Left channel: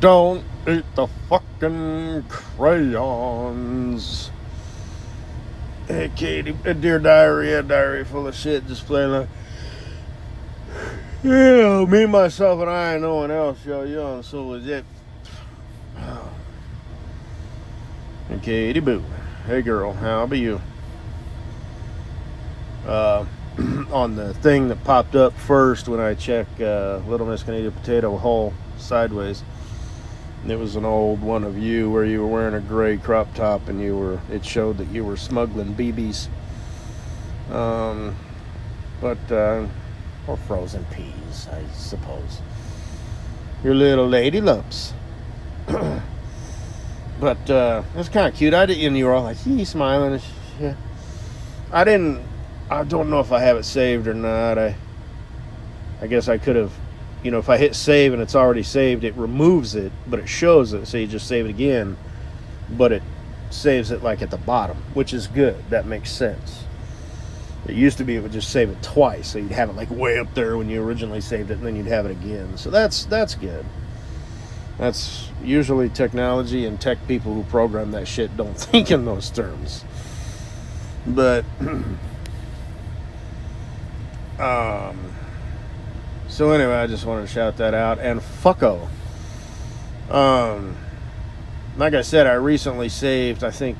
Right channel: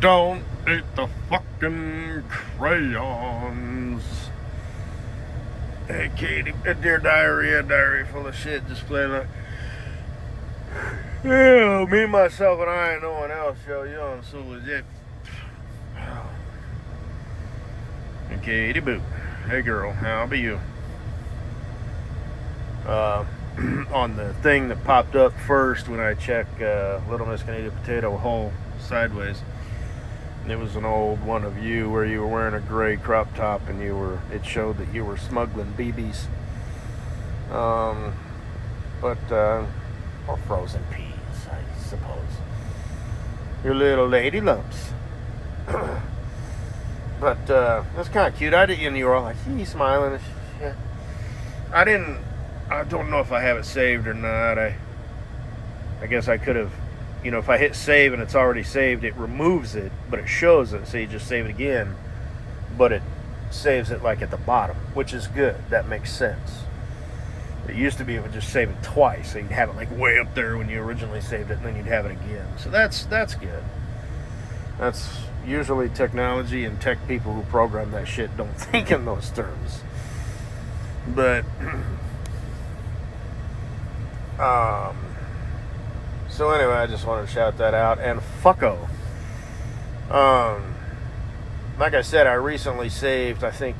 Don't eat the fucking crayons. Hey, Katie, dear diary full of shit, just playing like, yeah, me, myself, and I, and no one else, yo, I'm so legit. And Katie Boo, hey girl, how be you? On the thing that popped up first when I checked Little Miss Canadian Potato Hole sideways, it was an old one of you where you were wearing a gray crop top and it showed that you were smuggling BBs. Or frozen peas, I suppose. Your little lady lumps. But it's kind of cute. And you were all like, smiling. Yeah. I don't know if I have it saved or not. I guess I could have, if I hit save and it's already saved, it removes it, but it shows it, so you just save it again, but it saves it like at the bottom, which is good. That makes sense. It used to be it would just save it twice, so you'd have it like way up there when you originally saved it, and then you'd have it again. So that's good. That's usually technology, and tech people who program that shit don't think in those terms. But so anyway, I just want to shout that out. And fucko. Like I said, I recently saved, I think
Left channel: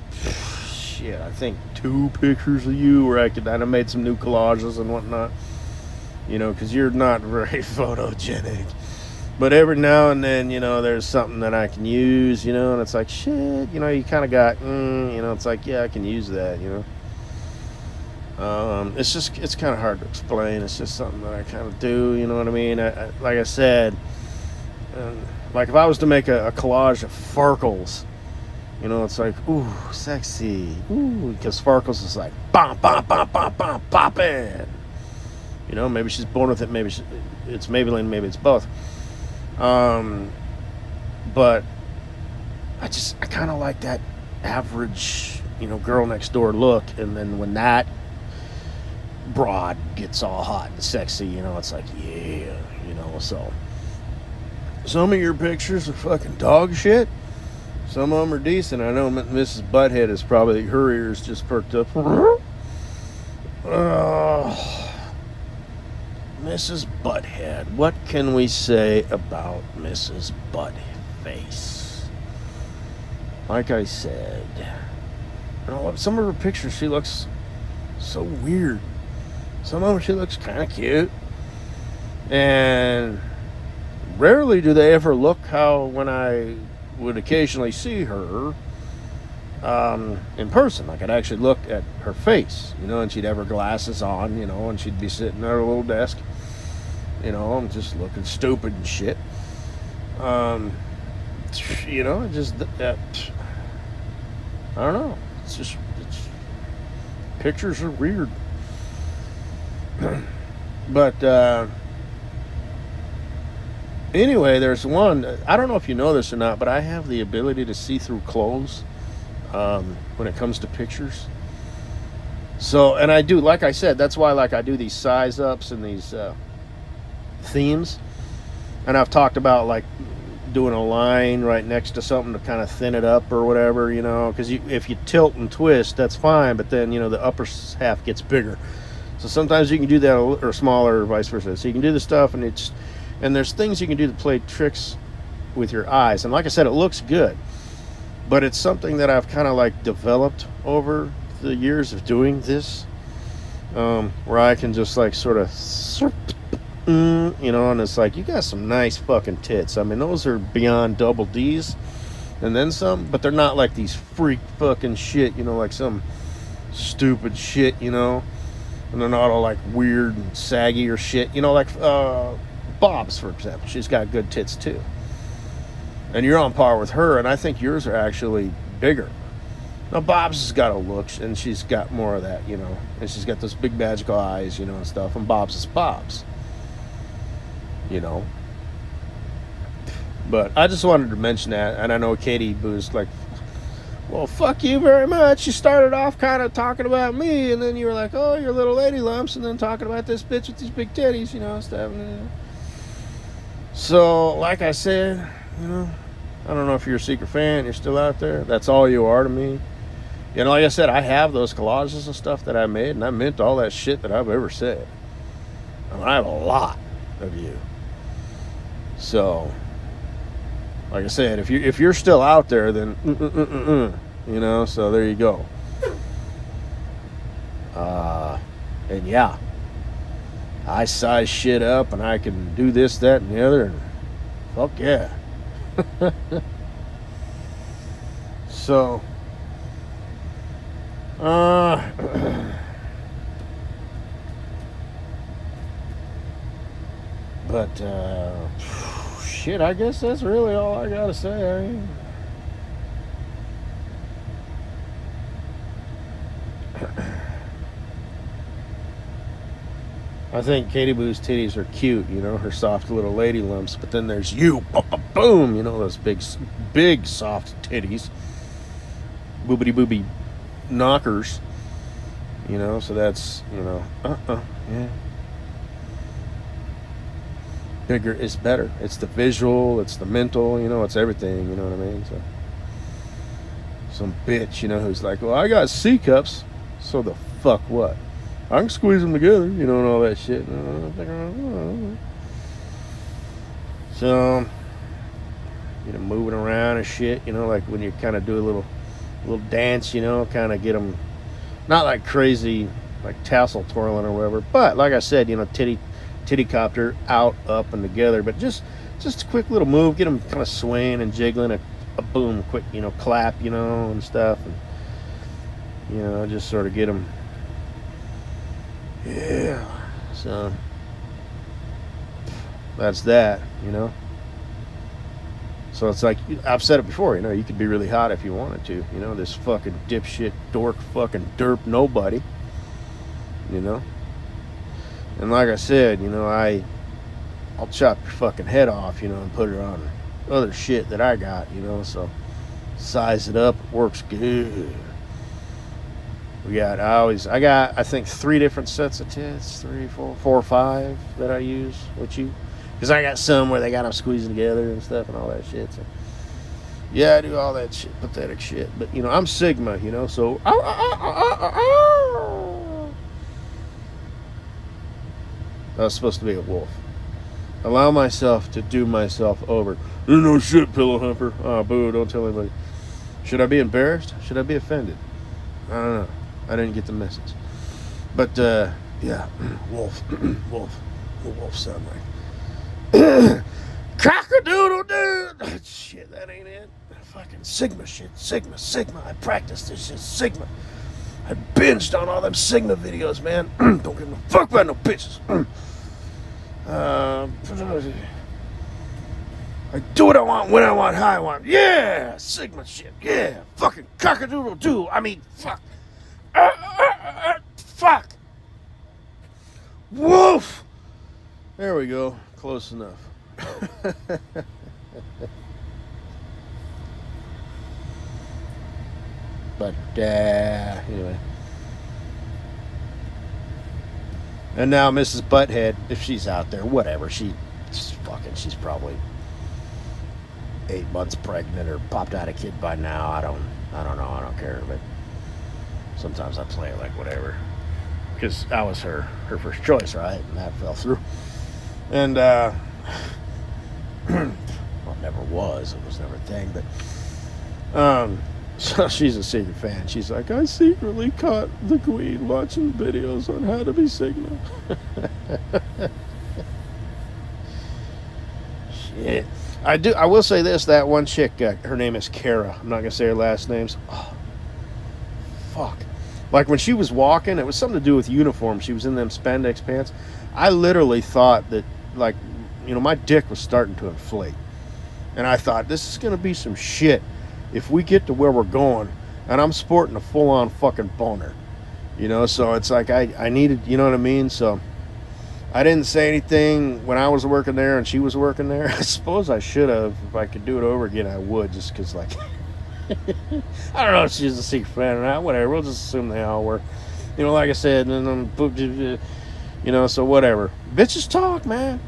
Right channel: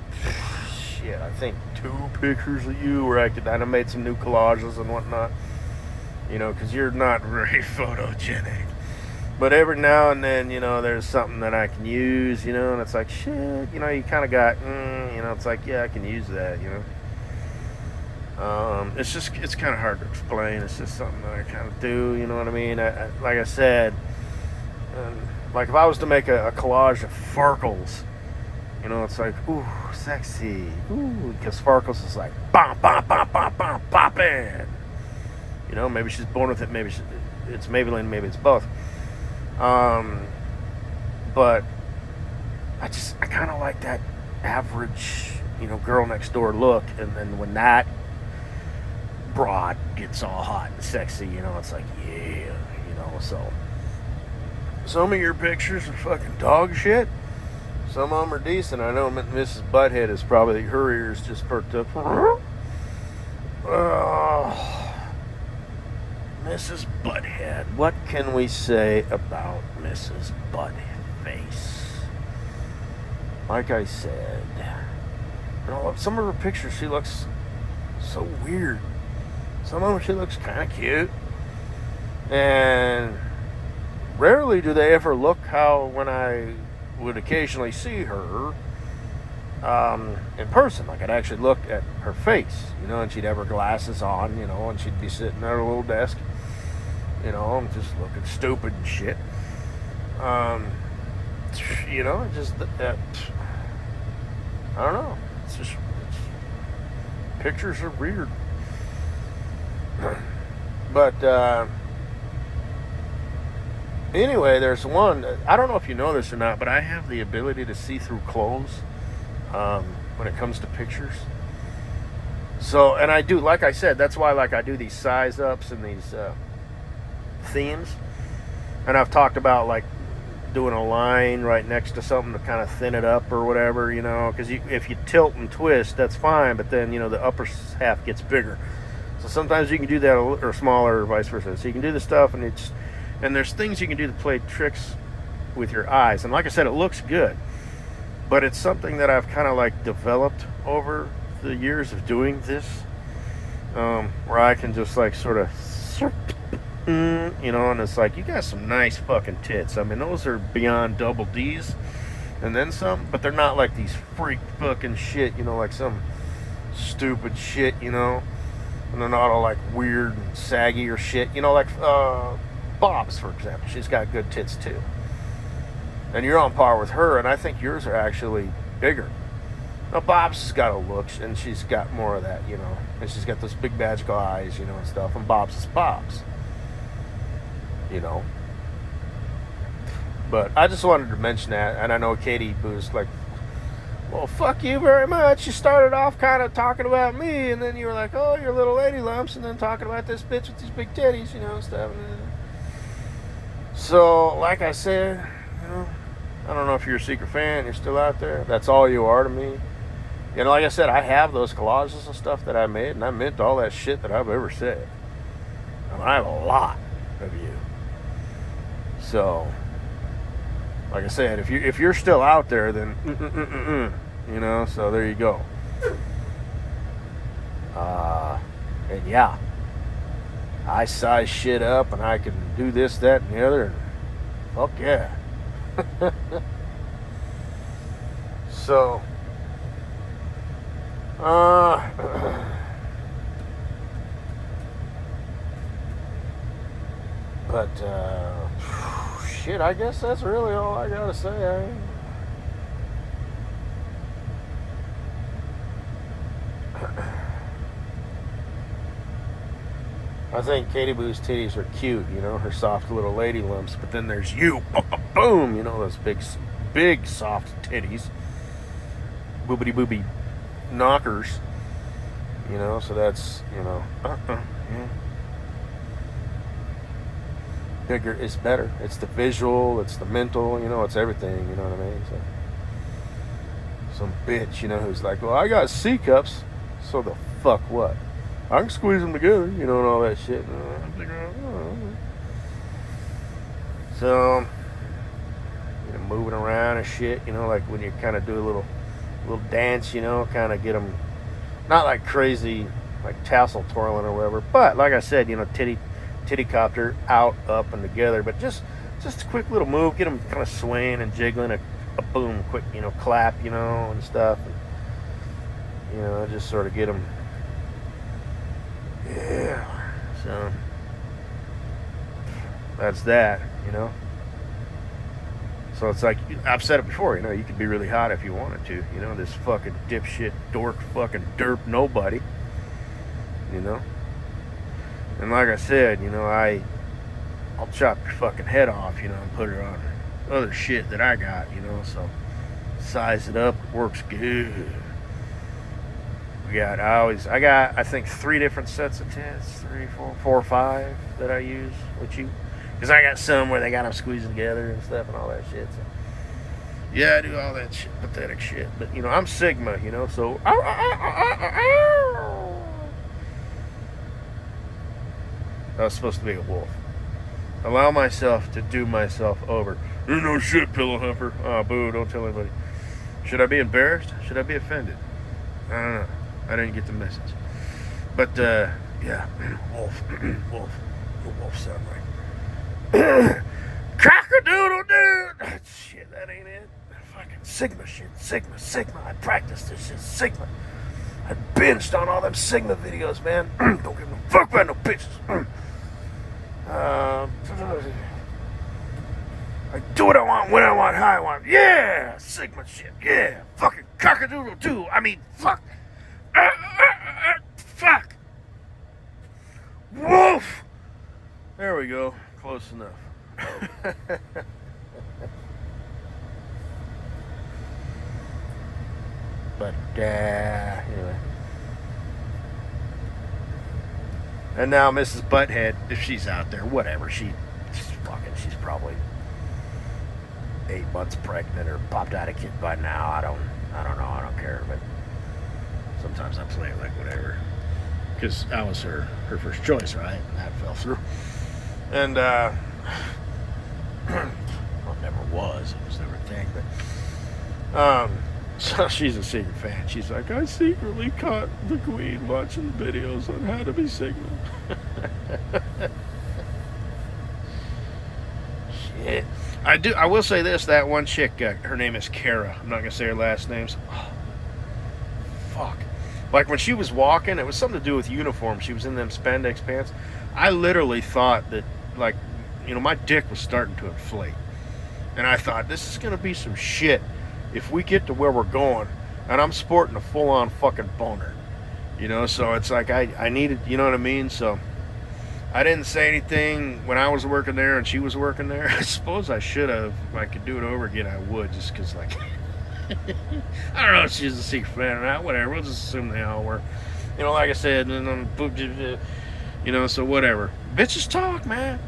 2 pictures of you where I made some new collages and whatnot. Because you're not very photogenic. But every now and then, there's something that I can use, and it's like, shit, you kind of got, it's like, yeah, I can use that, It's kind of hard to explain. It's just something that I kind of do, you know what I mean? Like I said, like if I was to make a collage of Farkles, it's like, ooh, sexy, ooh, because Farkles is like, bam, bam, bam, bam, bam, pop it. Maybe she's born with it, maybe it's Maybelline, maybe it's both. But I kind of like that average, girl next door look, and then when that broad gets all hot and sexy, it's like, yeah, so some of your pictures are fucking dog shit. Some of them are decent. I know Mrs. Butthead is probably, her ears just perked up. Mrs. Butthead. What can we say about Mrs. Buttface? Like I said, some of her pictures, she looks so weird. Some of them, she looks kind of cute. And rarely do they ever look how when I would occasionally see her in person. Like I'd actually look at her face, and she'd have her glasses on, and she'd be sitting at her little desk, just looking stupid and shit. Just that. I don't know. Pictures are weird. But anyway, there's one. I don't know if you know this or not, but I have the ability to see through clothes when it comes to pictures. So, and I do, like I said, that's why I do these size ups and these themes. And I've talked about like doing a line right next to something to kind of thin it up or whatever, because if you tilt and twist, that's fine, but then the upper half gets bigger. So sometimes you can do that, or smaller, or vice versa. So you can do the stuff, and there's things you can do to play tricks with your eyes. And like I said, it looks good, but it's something that I've kind of like developed over the years of doing this, where I can just like sort of, and it's like, you got some nice fucking tits. I mean, those are beyond double D's, and then some, but they're not like these freak fucking shit, like some stupid shit, and they're not all like weird and saggy or shit, like Bob's, for example. She's got good tits too, and you're on par with her, and I think yours are actually bigger. Now Bob's has got a look, and she's got more of that, and she's got those big magical eyes, and stuff, and Bob's is Bob's, but I just wanted to mention that. And I know Katie was like, well, fuck you very much. You started off kind of talking about me, and then you were like, oh, you're little lady lumps, and then talking about this bitch with these big titties, stuff. So, like I said, I don't know if you're a secret fan, you're still out there. That's all you are to me. You know, like I said, I have those collages and stuff that I made, and I meant all that shit that I've ever said. I have a lot of you. So, like I said, if you're still out there, then you know. So there you go. And yeah, I size shit up, and I can do this, that, and the other. Fuck yeah. So, but shit, I guess that's really all I gotta say. I mean, I think Katie Boo's titties are cute, you know, her soft little lady lumps. But then there's you, boom, you know, those big soft titties, boobity booby knockers, you know. So that's, you know, yeah. Bigger is better. It's the visual, it's the mental, you know, it's everything, you know what I mean? So, some bitch, you know, who's like, well, I got C cups, so the fuck what? I can squeeze them together, you know, and all that shit. So, you know, moving around and shit, you know, like when you kind of do a little dance, you know, kind of get them, not like crazy, like tassel twirling or whatever, but like I said, you know, titty copter, out, up, and together, but just a quick little move, get them kind of swaying and jiggling, a boom, quick, you know, clap, you know, and stuff, and, you know, just sort of get them. Yeah, so that's that, you know. So it's like, I've said it before, you know, you could be really hot if you wanted to, you know, this fucking dipshit, dork, fucking derp nobody, you know. And like I said, you know, I'll chop your fucking head off, you know, and put it on other shit that I got, you know, so size it up, works good. I got, I think 3 different sets of tits, 3, 4 or 5 that I use with you. Because I got some where they got them squeezing together and stuff and all that shit. So, yeah, I do all that shit, pathetic shit. But, you know, I'm Sigma, you know, so. I was supposed to be a wolf. Allow myself to do myself over. You're no shit, pillow humper. Oh, boo, don't tell anybody. Should I be embarrassed? Should I be offended? I don't know. I didn't get the message. But, yeah. Wolf. Wolf sound like. Cock-a-doodle dude. Shit, that ain't it. Fucking Sigma shit. Sigma. I practiced this shit. Sigma. I binged on all them Sigma videos, man. Don't give a fuck about no bitches. I do what I want, when I want, how I want. Yeah, Sigma shit. Yeah, fucking cock-a-doodle doo. I mean, fuck. Fuck. Woof. There we go. Close enough. But, anyway. And now Mrs. Butthead, if she's out there, whatever, she's probably 8 months pregnant or popped out a kid by now. I don't know, I don't care, but sometimes I play it like whatever. Because I was her first choice, right? And that fell through. And, well, never was. It was never a thing, but, so she's a secret fan. She's like, I secretly caught the Queen watching videos on how to be Sigma. Shit. I will say this, that one chick, her name is Kara. I'm not going to say her last names. Oh, fuck. Like when she was walking, it was something to do with uniform. She was in them spandex pants. I literally thought that, like, you know, my dick was starting to inflate. And I thought, this is going to be some shit if we get to where we're going and I'm sporting a full-on fucking boner, you know. So it's like I needed, you know what I mean. So I didn't say anything when I was working there and she was working there. I suppose I should have. If I could do it over again, I would, just because, like, I don't know if she's a secret fan or not. Whatever, we'll just assume they all were, you know. Like I said, and then, you know, so whatever. Bitches talk, man.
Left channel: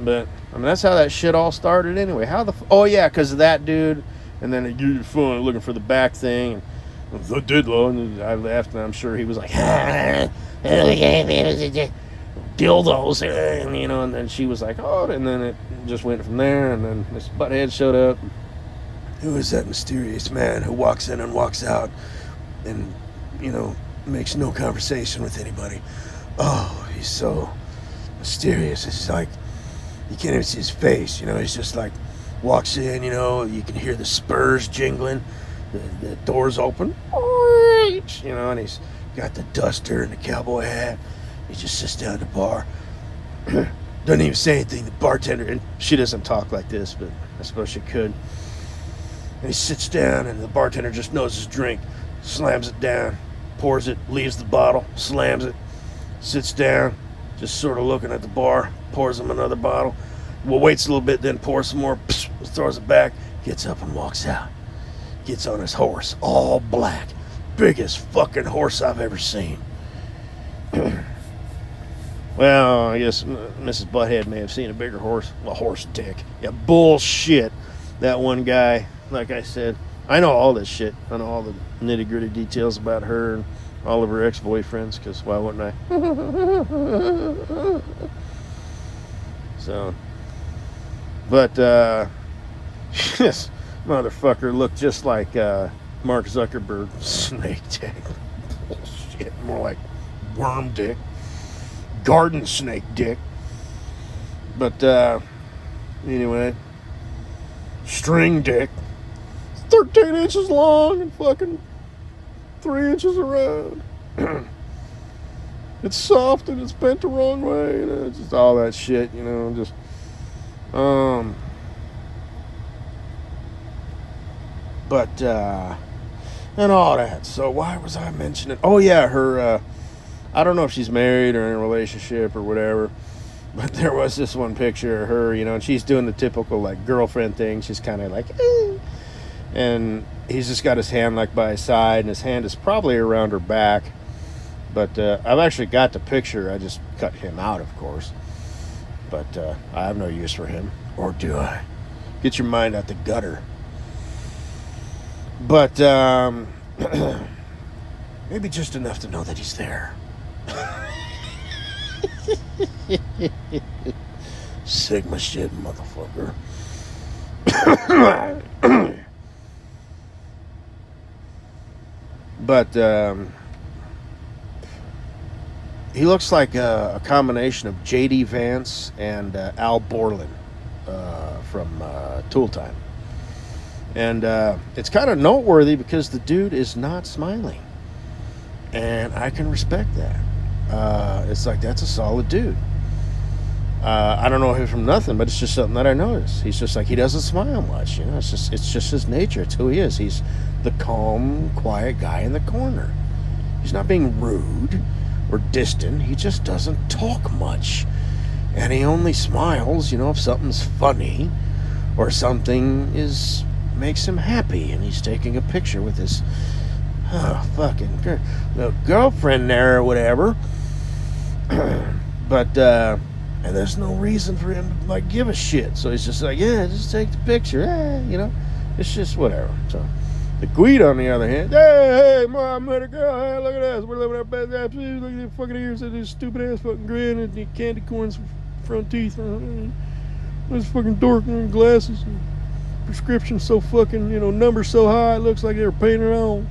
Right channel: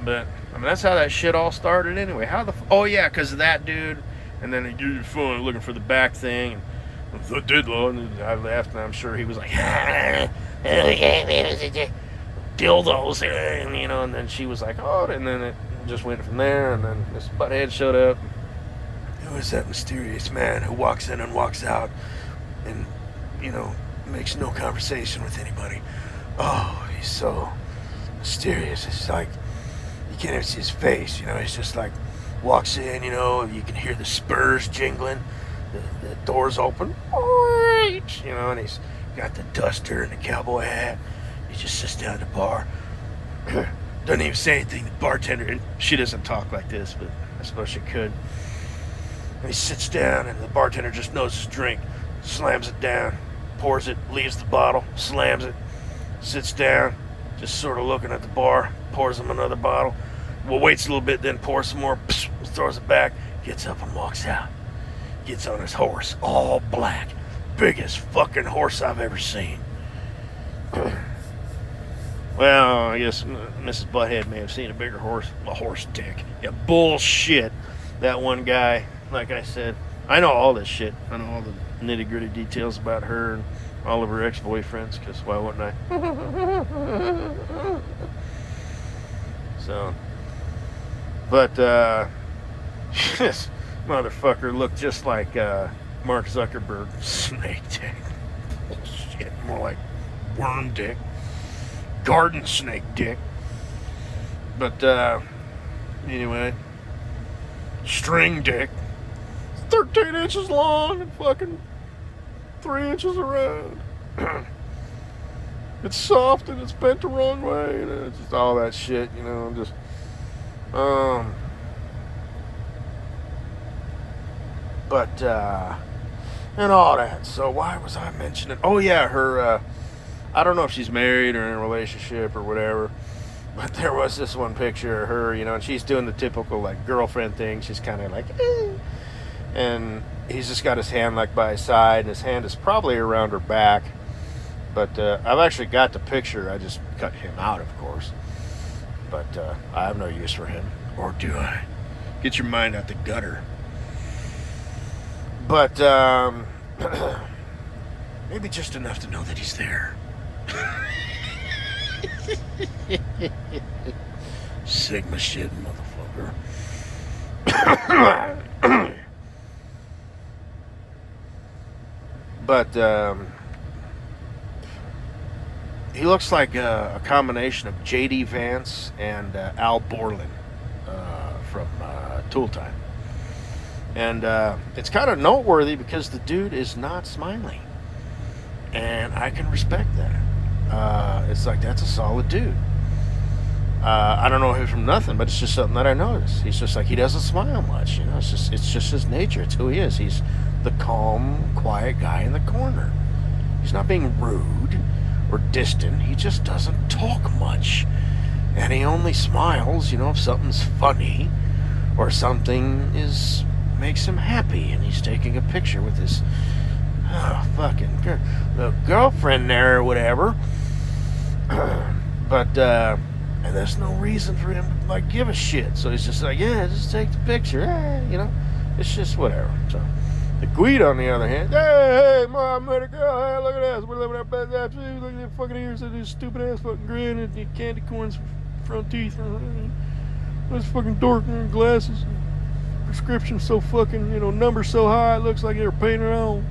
But I mean, that's how that shit all started anyway. How the oh yeah, because of that dude, and then you're phone looking for the back thing. And the diddle, and I laughed, and I'm sure he was like, dildos, and you know, and then she was like, oh, and then it just went from there, and then this butthead showed up. Who is that mysterious man who walks in and walks out, and you know, makes no conversation with anybody? Oh, he's so mysterious. It's like you can't even see his face. You know, he's just like walks in. You know, you can hear the spurs jingling. The doors open, you know, and he's got the duster and the cowboy hat. He just sits down at the bar, doesn't even say anything. The bartender, and she doesn't talk like this, but I suppose she could. And he sits down, and the bartender just knows his drink, slams it down, pours it, leaves the bottle, slams it, sits down, just sort of looking at the bar, pours him another bottle. Well, waits a little bit, then pours some more, throws it back, gets up and walks out. Gets on his horse, all black, biggest fucking horse I've ever seen. Well, I guess Mrs. Butthead may have seen a bigger horse. A horse dick. Yeah, bullshit. That one guy, like I said, I know all this shit. I know all the nitty gritty details about her and all of her ex-boyfriends, because why wouldn't I? So, but, yes. Motherfucker looked just like Mark Zuckerberg's snake dick. Bullshit, more like worm dick, garden snake dick. But anyway, string dick, 13 inches long and fucking 3 inches around. It's soft and it's bent the wrong way. You know, just all that shit. You know, just But, and all that. So why was I mentioning? Oh, yeah, her, I don't know if she's married or in a relationship or whatever, but there was this one picture of her, you know, and she's doing the typical, like, girlfriend thing. She's kind of like, and he's just got his hand, like, by his side, and his hand is probably around her back. But I've actually got the picture. I just cut him out, of course. But I have no use for him. Or do I? Get your mind out the gutter. But maybe just enough to know that he's there. Sigma shit, motherfucker. But he looks like a combination of J.D. Vance and Al Borland from Tool Time. And it's kind of noteworthy because the dude is not smiling. And I can respect that. It's like, that's a solid dude. I don't know him from nothing, but it's just something that I noticed. He's just like, he doesn't smile much. You know, it's just his nature. It's who he is. He's the calm, quiet guy in the corner. He's not being rude or distant. He just doesn't talk much. And he only smiles, you know, if something's funny or something makes him happy, and he's taking a picture with his fucking girlfriend there or whatever. But and there's no reason for him to, like, give a shit. So he's just like, yeah, just take the picture. You know, it's just whatever. So the Guido, on the other hand, hey, mom, little girl, hey, look at this. We're living our best ass. Look at your fucking ears, this stupid ass fucking grin, and your candy corns, front teeth. This fucking dork and glasses. Prescription so fucking, you know, numbers so high, it looks like they were painted on.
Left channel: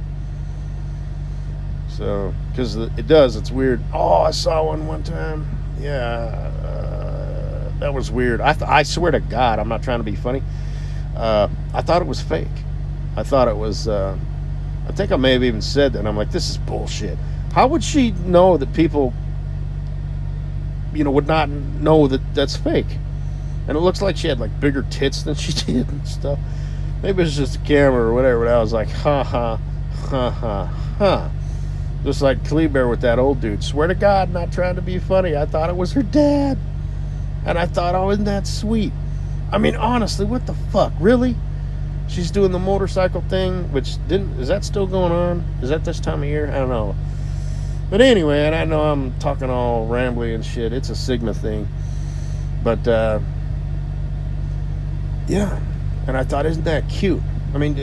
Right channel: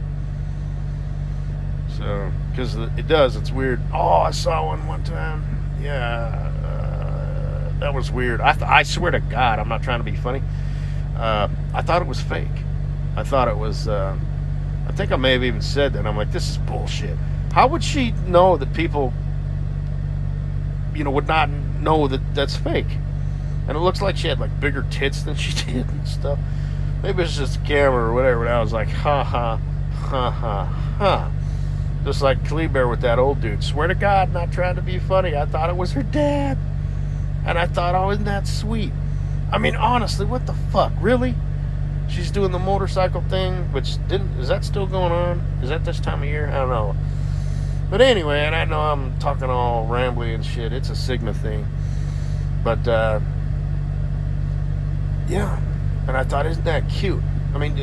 So, because it does, it's weird. Oh, I saw one time. Yeah, that was weird. I swear to God, I'm not trying to be funny. I thought it was fake. I thought it was, I think I may have even said that. I'm like, this is bullshit. How would she know that people, you know, would not know that that's fake? And it looks like she had, like, bigger tits than she did and stuff. Maybe it's just a camera or whatever. But I was like, ha, ha, ha, ha, ha. Just like Kleber with that old dude. Swear to God, not trying to be funny. I thought it was her dad. And I thought, oh, isn't that sweet? I mean, honestly, what the fuck? Really? She's doing the motorcycle thing, which is that still going on? Is that this time of year? I don't know. But anyway, and I know I'm talking all rambly and shit. It's a Sigma thing. But Yeah. And I thought, isn't that cute? I mean,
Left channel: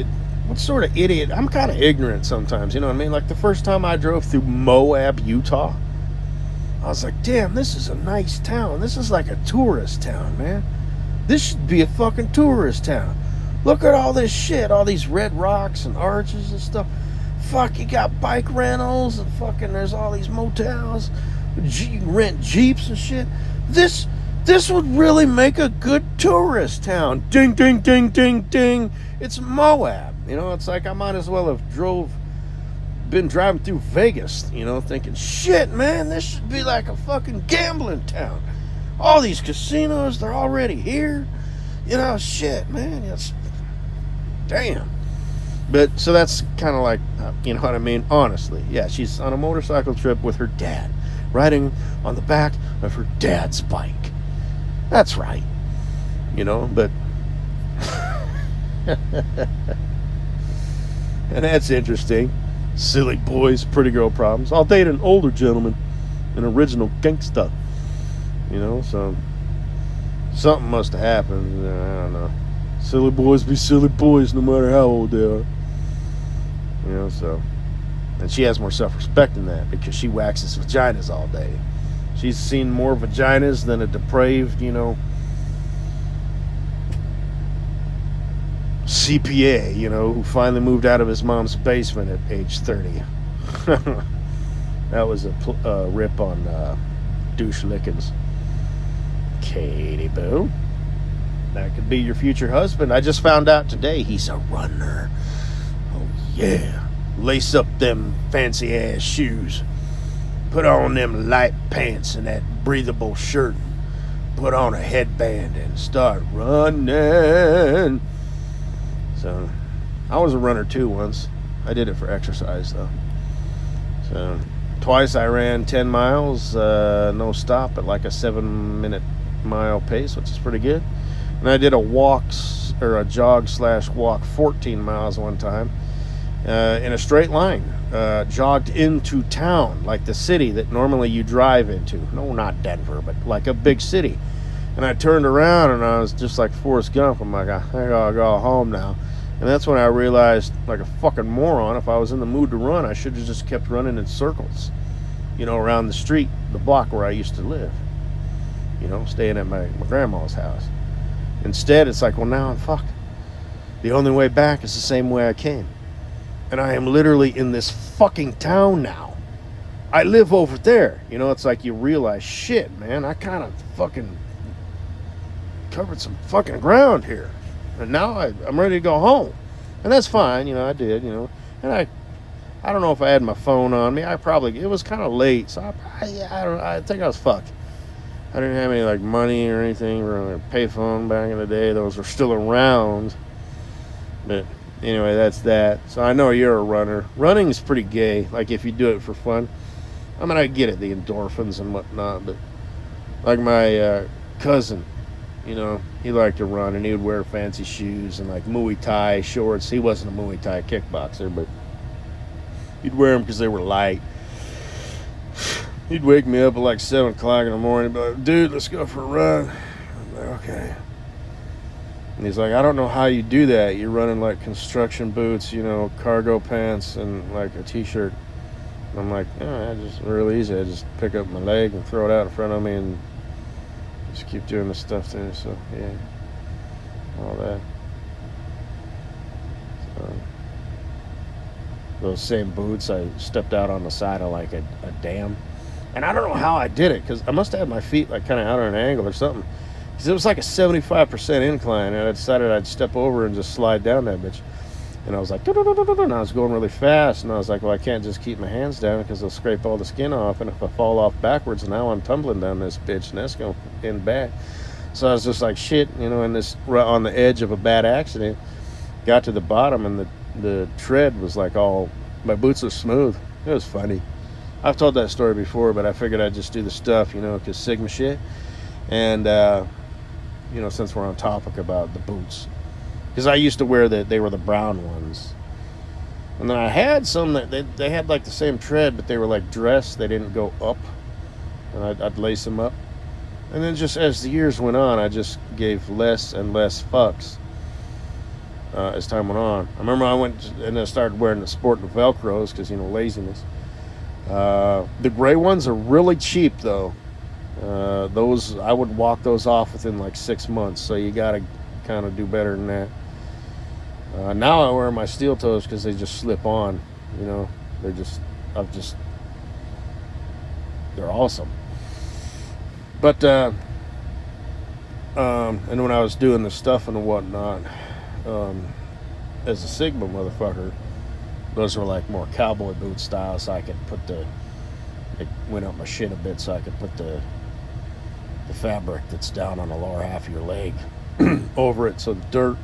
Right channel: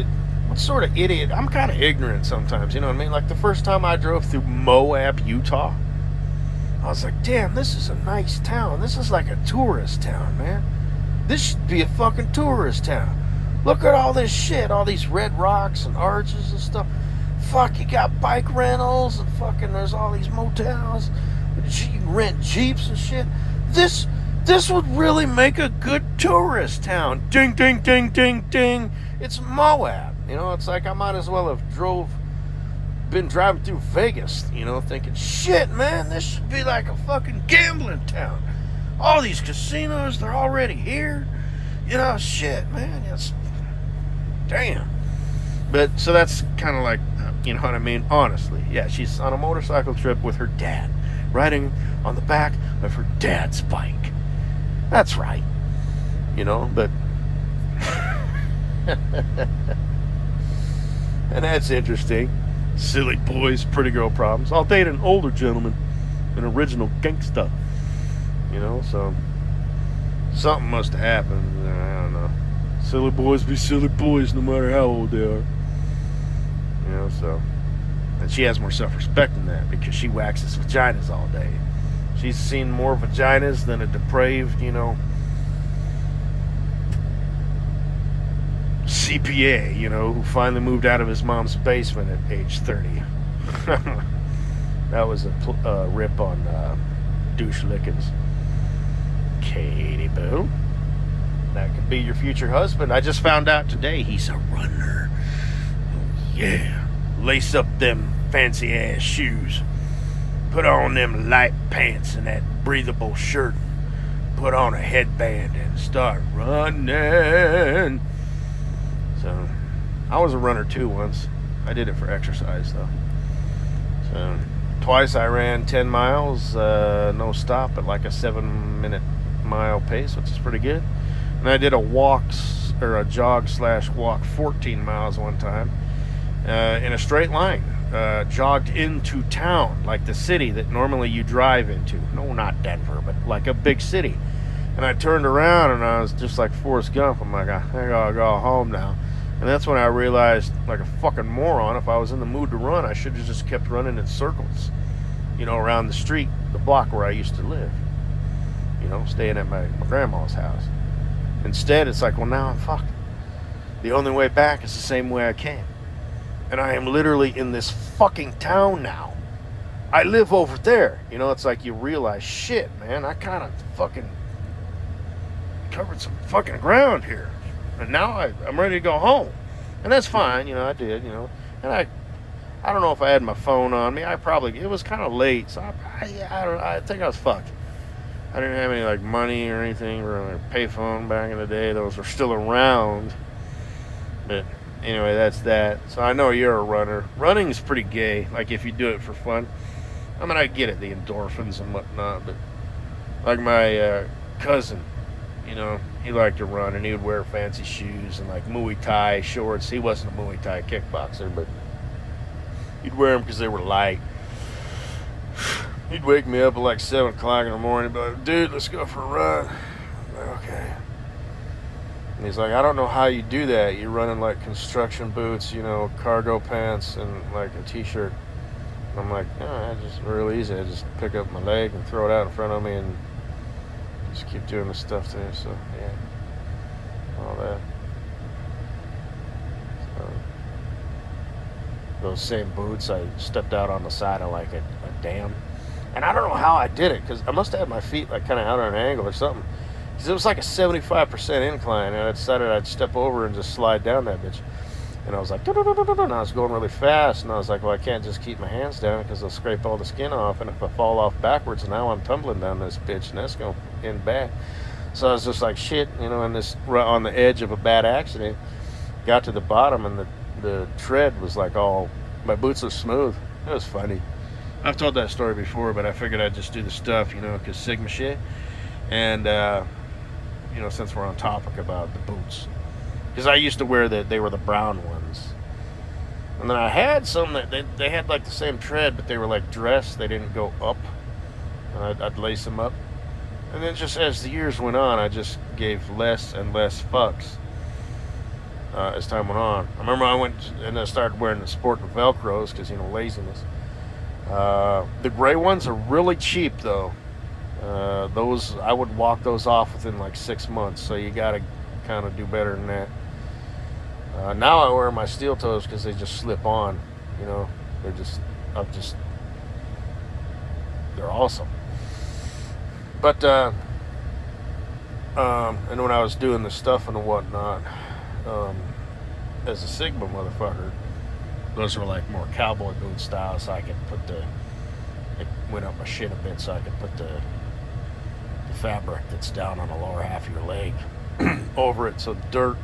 what sort of idiot? I'm kind of ignorant sometimes, you know what I mean? Like the first time I drove through Moab, Utah, I was like, damn, this is a nice town. This is like a tourist town, man. This should be a fucking tourist town. Look at all this shit, all these red rocks and arches and stuff. Fuck, you got bike rentals and fucking there's all these motels. You can rent Jeeps and shit. This would really make a good tourist town. Ding, ding, ding, ding, ding. It's Moab. You know, it's like I might as well have been driving through Vegas, you know, thinking, shit, man, this should be like a fucking gambling town. All these casinos, they're already here. You know, shit, man, it's damn. But so that's kind of like, you know what I mean? Honestly, yeah, she's on a motorcycle trip with her dad, riding on the back of her dad's bike. That's right, you know, but and that's interesting. Silly boys, pretty girl problems. I'll date an older gentleman, an original gangsta. You know, so something must have happened. I don't know. Silly boys be silly boys no matter how old they are. You know, so. And she has more self-respect than that because she waxes vaginas all day. She's seen more vaginas than a depraved, you know, CPA, you know, who finally moved out of his mom's basement at age 30. That was a rip on douche lickings. Katie Boo. That could be your future husband. I just found out today he's a runner. Oh, yeah. Lace up them fancy ass shoes. Put on them light pants and that breathable shirt. Put on a headband and start running. So, I was a runner too once. I did it for exercise though. So, twice I ran 10 miles, no stop at like a 7-minute mile pace, which is pretty good. And I did a jog/walk 14 miles one time in a straight line. Jogged into town, like the city that normally you drive into. No, not Denver, but like a big city. And I turned around and I was just like Forrest Gump. I'm like, I gotta go home now. And that's when I realized, like a fucking moron, if I was in the mood to run, I should have just kept running in circles, you know, around the street, the block where I used to live, you know, staying at my grandma's house. Instead, it's like, well, now I'm fucked. The only way back is the same way I came. And I am literally in this fucking town now. I live over there. You know, it's like you realize, shit, man, I kind of fucking covered some fucking ground here. And now I'm ready to go home. And that's fine, you know, I did, you know. And I don't know if I had my phone on me. It was kind of late, so I think I was fucked. I didn't have any, like, money or anything, or like payphone back in the day. Those are still around. But anyway, that's that. So I know you're a runner. Running is pretty gay, like if you do it for fun. I mean, I get it, the endorphins and whatnot, but like my cousin, you know, he liked to run and he would wear fancy shoes and like Muay Thai shorts. He wasn't a Muay Thai kickboxer, but he'd wear them because they were light. He'd wake me up at like 7 o'clock in the morning, be like, dude, let's go for a run. Okay. And he's like, I don't know how you do that. You're running like construction boots, you know, cargo pants, and like a t-shirt. I'm like, I just real easy. I just pick up my leg and throw it out in front of me and just keep doing the stuff there. So, yeah, all that. So, those same boots, I stepped out on the side of like a dam. And I don't know how I did it, because I must have had my feet like kind of out on an angle or something. Because it was like a 75% incline, and I decided I'd step over and just slide down that bitch. And I was like, and I was going really fast, and I was like, well, I can't just keep my hands down because I'll scrape all the skin off, and if I fall off backwards, now I'm tumbling down this bitch, and that's going to end bad. So I was just like, shit, you know, on the edge of a bad accident. Got to the bottom, and the tread was like my boots are smooth. It was funny. I've told that story before, but I figured I'd just do the stuff, you know, because Sigma shit. And, you know, since we're on topic about the boots. Because I used to wear they were the brown ones. And then I had some that they had like the same tread, but they were like dressed. They didn't go up. And I'd lace them up. And then just as the years went on, I just gave less and less fucks as time went on. I remember I went and I started wearing the sporting Velcros because, you know, laziness. The gray ones are really cheap, though. Those, I would walk those off within like 6 months, so you gotta kind of do better than that. Now I wear my steel toes because they just slip on, you know. They're awesome. But and when I was doing the stuff and whatnot, as a Sigma motherfucker, those were like more cowboy boot style, so I could put it went up my shit a bit, so I could put the fabric that's down on the lower half of your leg over it, so the dirt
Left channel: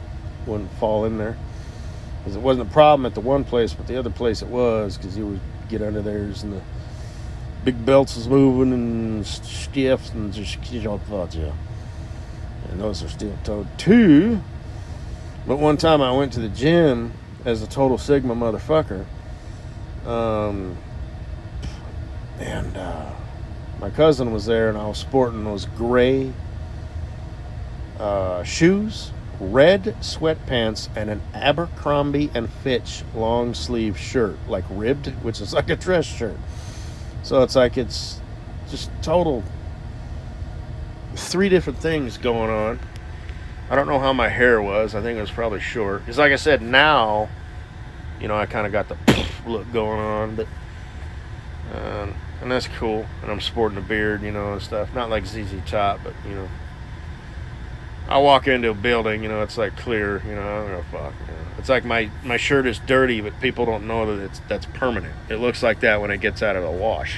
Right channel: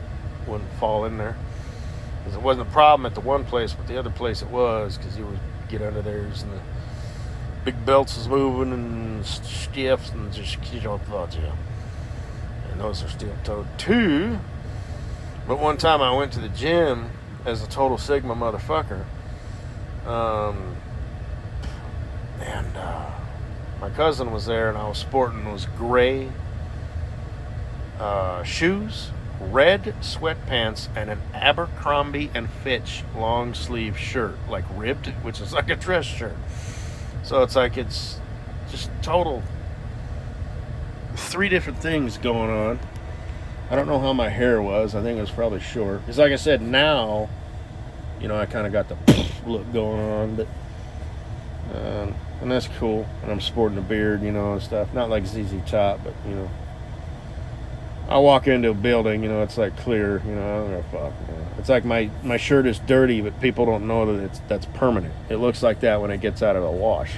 wouldn't fall in there. Because it wasn't a problem at the one place, but the other place it was, because you would get under there and the big belts is moving and stiff and just, you know, and those are steel toed too. But one time I went to the gym as a total Sigma motherfucker, and my cousin was there, and I was sporting those gray shoes, red sweatpants, and an Abercrombie and Fitch long sleeve shirt, like ribbed, which is like a dress shirt. So it's like, it's just total 3 different things going on. I don't know how my hair was. I think it was probably short. Because like I said, now, you know, I kind of got the look going on, but and that's cool. And I'm sporting a beard, you know, and stuff. Not like ZZ Top, but, you know, I walk into a building, you know, it's like clear, you know, I don't know, fuck. You know. It's like my shirt is dirty, but people don't know that that's permanent. It looks like that when it gets out of the wash.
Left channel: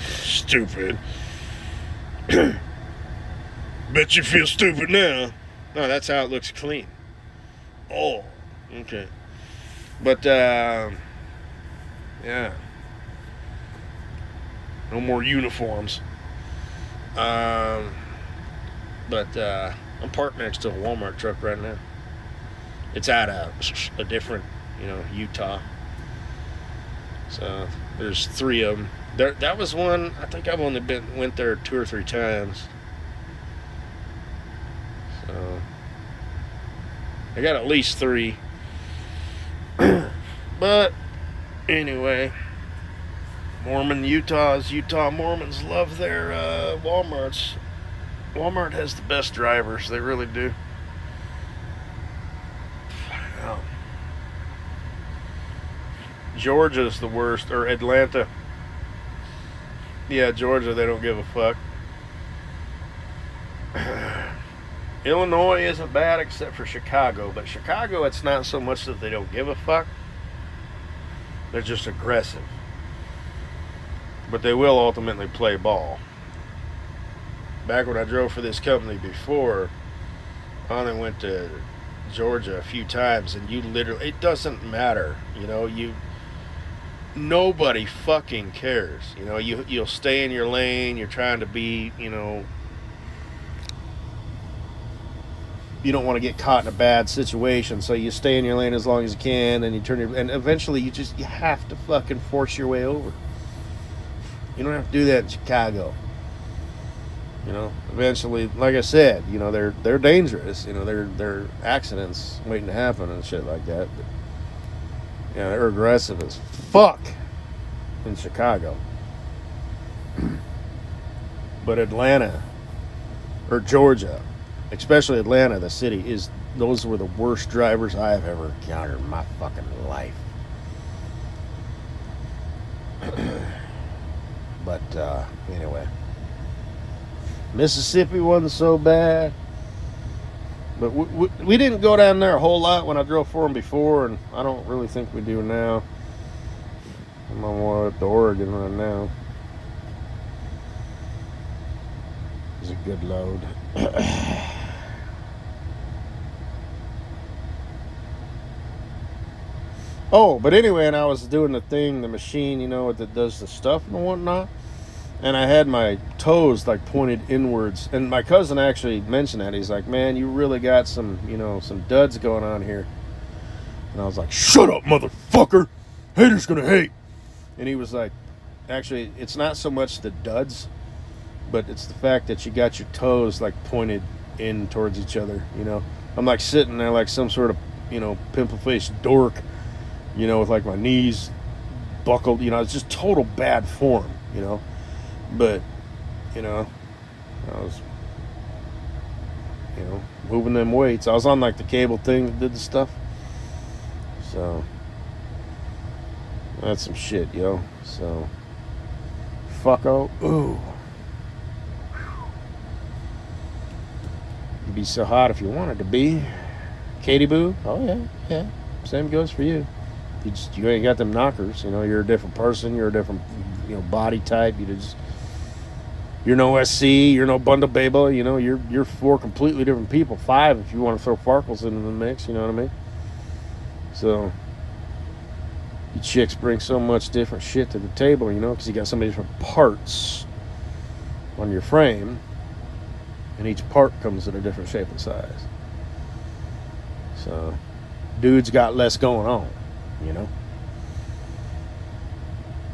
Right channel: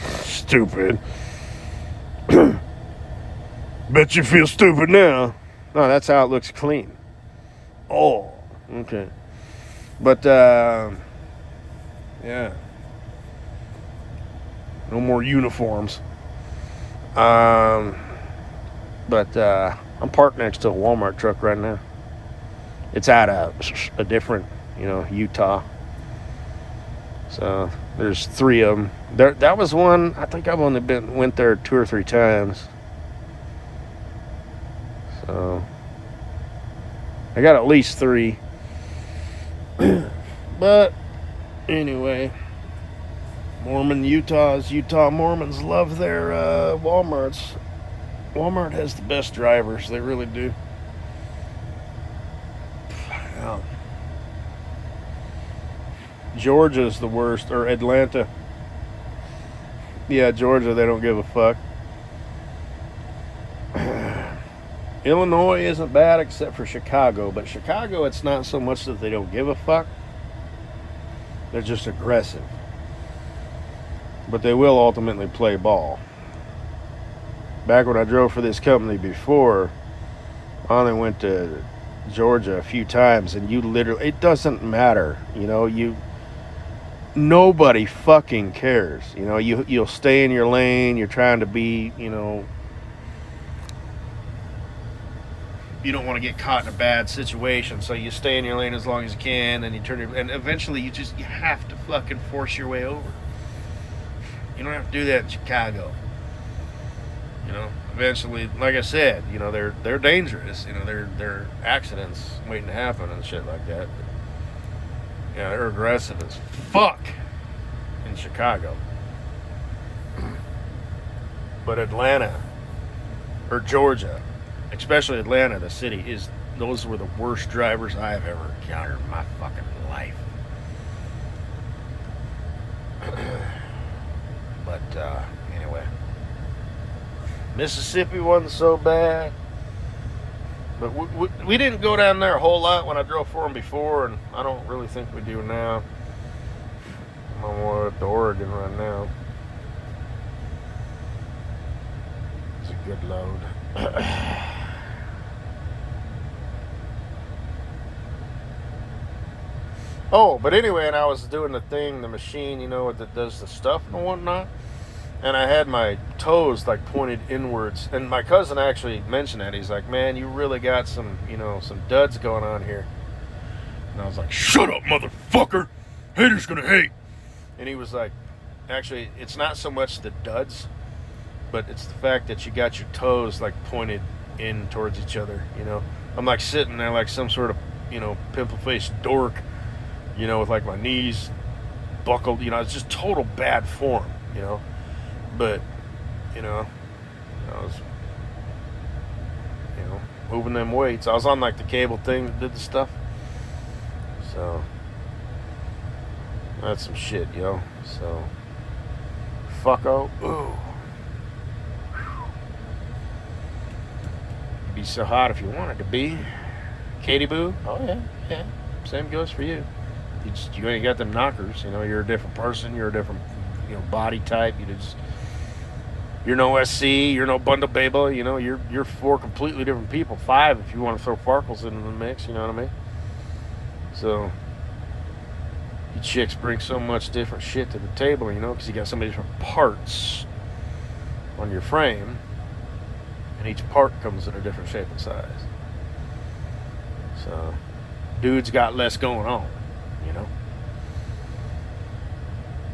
Stupid. Bet you feel stupid now. No, that's how it looks clean. Oh, okay. But, yeah. No more uniforms. But I'm parked next to a Walmart truck right now. It's out of a different, you know, Utah. So there's 3 of them. That was one. I think I've only went there 2 or 3 times. So I got at least 3. But anyway, Utah Mormons love their Walmarts. Walmart has the best drivers. They really do. Wow. Georgia's the worst, or Atlanta. Yeah, Georgia, they don't give a fuck. Illinois isn't bad except for Chicago, but Chicago, it's not so much that they don't give a fuck. They're just aggressive. But they will ultimately play ball. Back when I drove for this company before, I only went to Georgia a few times, and you literally, it doesn't matter, you know, nobody fucking cares, you know, you'll stay in your lane, you're trying to be, you know, you don't want to get caught in a bad situation, so you stay in your lane as long as you can, and you turn and eventually you have to fucking force your way over. You don't have to do that in Chicago. You know, eventually, like I said, you know, they're dangerous. You know, they're accidents waiting to happen and shit like that. But, yeah, they're aggressive as fuck in Chicago. But Atlanta, or Georgia, especially Atlanta, the city, those were the worst drivers I have ever encountered in my fucking life. But anyway, Mississippi wasn't so bad, but we didn't go down there a whole lot when I drove for them before, and I don't really think we do now. I'm more at the Oregon right now. It's a good load. Oh, but anyway, and I was doing the machine, you know, that does the stuff and whatnot. And I had my toes like pointed inwards. And my cousin actually mentioned that. He's like, man, you really got some, you know, some duds going on here. And I was like, shut up, motherfucker. Haters gonna hate. And he was like, actually, it's not so much the duds. but it's the fact that you got your toes like pointed in towards each other. You know, I'm like sitting there like some sort of, you know, pimple-faced dork, you know, with like my knees buckled. You know, it's just total bad form. You know, but you know, I was, you know, moving them weights. I was on like the cable thing that did the stuff. So that's some shit, yo. So fucko. Ooh. It'd be so hot if you wanted to be. Katie Boo? Oh yeah, yeah. Same goes for you. You ain't got them knockers. You know, you're a different person. You're a different, you know, body type. You're no SC. You're no Bunda Baba. You know, you're 4 completely different people. 5 if you want to throw Farkles into the mix. You know what I mean? So you chicks bring so much different shit to the table. You know, because you got so many different parts on your frame, and each part comes in a different shape and size. So dudes got less going on. You know,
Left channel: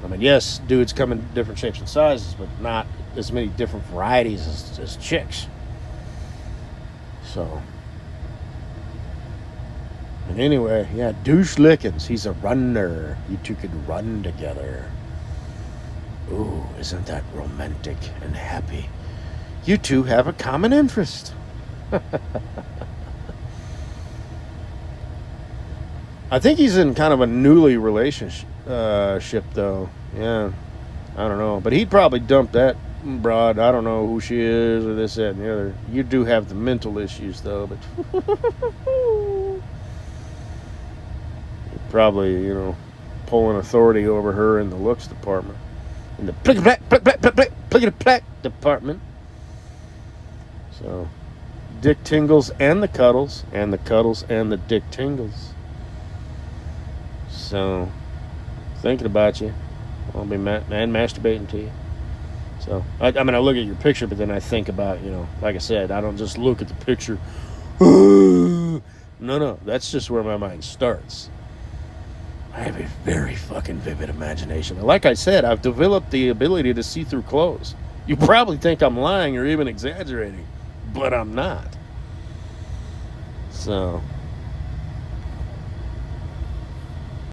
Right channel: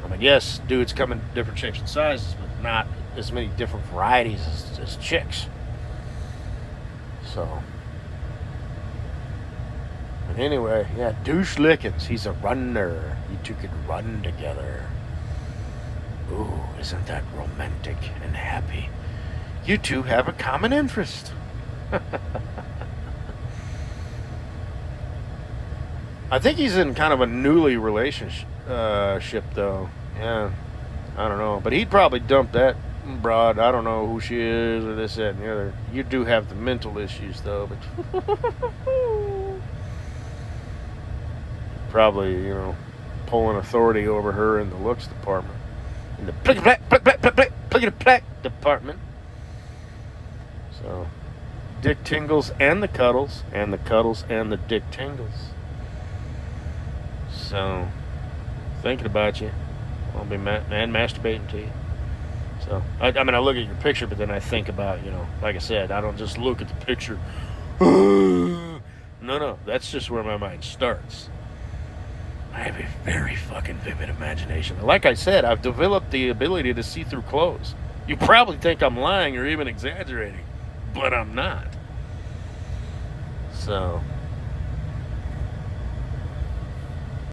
I mean, yes, dudes come in different shapes and sizes, but not as many different varieties as chicks. So, and anyway, yeah, Douche Lickens, he's a runner. You two can run together. Ooh, isn't that romantic and happy? You two have a common interest. I think he's in kind of a newly relationship, though. Yeah, I don't know. But he'd probably dump that broad. I don't know who she is or this, that, and the other. You do have the mental issues, though. But probably, you know, pulling authority over her in the looks department. In the plickety-plack department. So, dick tingles and the cuddles, and the cuddles and the dick tingles. So, thinking about you, I'll be masturbating to you. So, I mean, I look at your picture, but then I think about, you know, like I said, I don't just look at the picture. No, that's just where my mind starts. I have a very fucking vivid imagination. Like I said, I've developed the ability to see through clothes. You probably think I'm lying or even exaggerating, but I'm not. So